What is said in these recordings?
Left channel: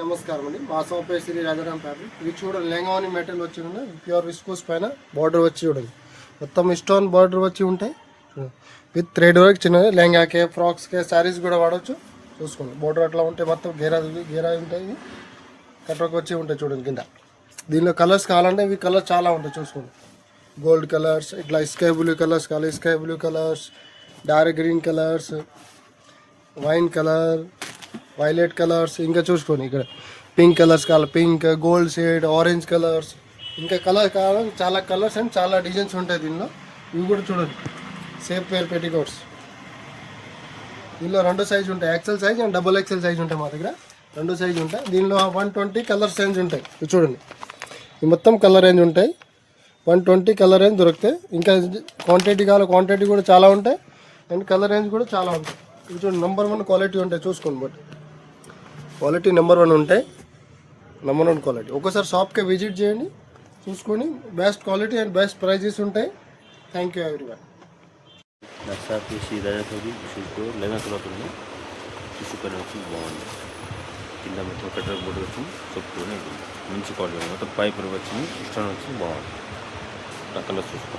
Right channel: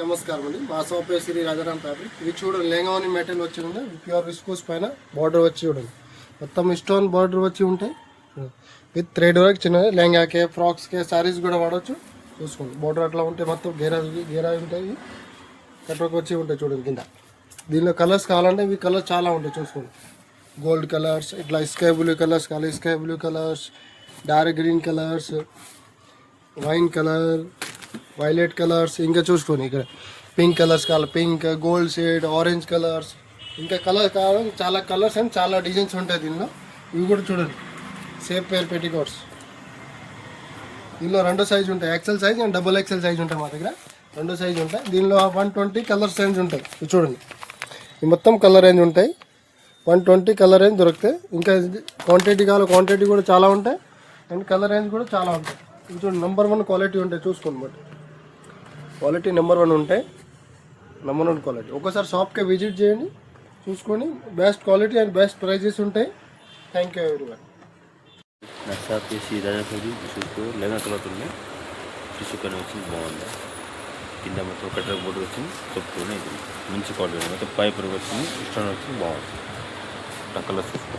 నమస్కారం అండి. మా షాప్ పేరు శ్రీ రాజారాం ఫ్యాబ్రిక్. ఇది చూడండి, లెంగావని మెటీరియల్ వచ్చి ఉంది, ప్యూర్ విస్కోస్ పైన బార్డర్ వచ్చి చూడండి, మొత్తం స్టోన్ బార్డర్ వచ్చి ఉంటాయి. విత్ థ్రెడ్ వర్క్ చిన్నది, లెంగాకే ఫ్రాక్స్కే శారీస్ కూడా వాడవచ్చు. చూసుకోండి, బార్డర్ అట్లా ఉంటాయి, మొత్తం గేరా ఉంటాయి, కట్ వర్క్ వచ్చి ఉంటాయి. చూడండి కింద దీనిలో కలర్స్ కావాలంటే ఇవి కలర్స్ చాలా ఉంటాయి. చూసుకోండి, గోల్డ్ కలర్స్, ఇట్లా స్కై బ్లూ కలర్స్ కావాలి, sky blue colours, dark green colours, wine colour, violet colours, ఇంకా చూసుకోండి ఇక్కడ పింక్ కలర్స్ కావాలి, pink, gold shade, orange colours, ఇంకా కలర్ కావాలి, చాలా కలర్స్ అండ్ చాలా డిజైన్స్ ఉంటాయి దీనిలో. ఇవి కూడా చూడండి, సేఫ్ పేర్ పెట్టికోట్స్. దీనిలో రెండు సైజు ఉంటాయి, XL size and double XL size ఉంటాయి. మా దగ్గర రెండు సైజు ఉంటాయి. దీనిలో 120 కలర్ రేంజ్ ఉంటాయి. చూడండి, ఈ మొత్తం కలర్ రేంజ్ ఉంటాయి, 120 కలర్ రేంజ్ దొరుకుతాయి. ఇంకా క్వాంటిటీ కావాలి, క్వాంటిటీ కూడా చాలా ఉంటాయి అండ్ కలర్ రేంజ్ కూడా చాలా ఉంటాయి. ఇది చూడండి, నెంబర్ 1 క్వాలిటీ ఉంటాయి. చూసుకోండి, బట్ క్వాలిటీ నెంబర్ 1 ఉంటాయి, నెంబర్ 1 క్వాలిటీ. ఒకసారి షాప్కి విజిట్ చేయండి, చూసుకొని best quality and best prices ఉంటాయి. Thank you everyone. నక్సాకి సీదాకి టిష్యూ లెవెన్ కలర్ ఉంది, టిష్యూ కలర్ వచ్చి బాగుంది. కింద మొత్తం పెద్ద బోర్డు వచ్చి చెప్పుకొని మంచి క్వాలిటీ మొత్తం పైప్ వచ్చింది, ఇష్టం వచ్చి బాగుంది. నా కలర్ చూసుకో,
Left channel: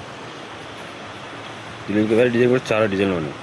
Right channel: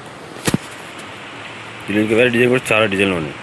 దీనికి వేరే డిజైన్ కూడా చాలా డిజైన్లు ఉన్నాయి.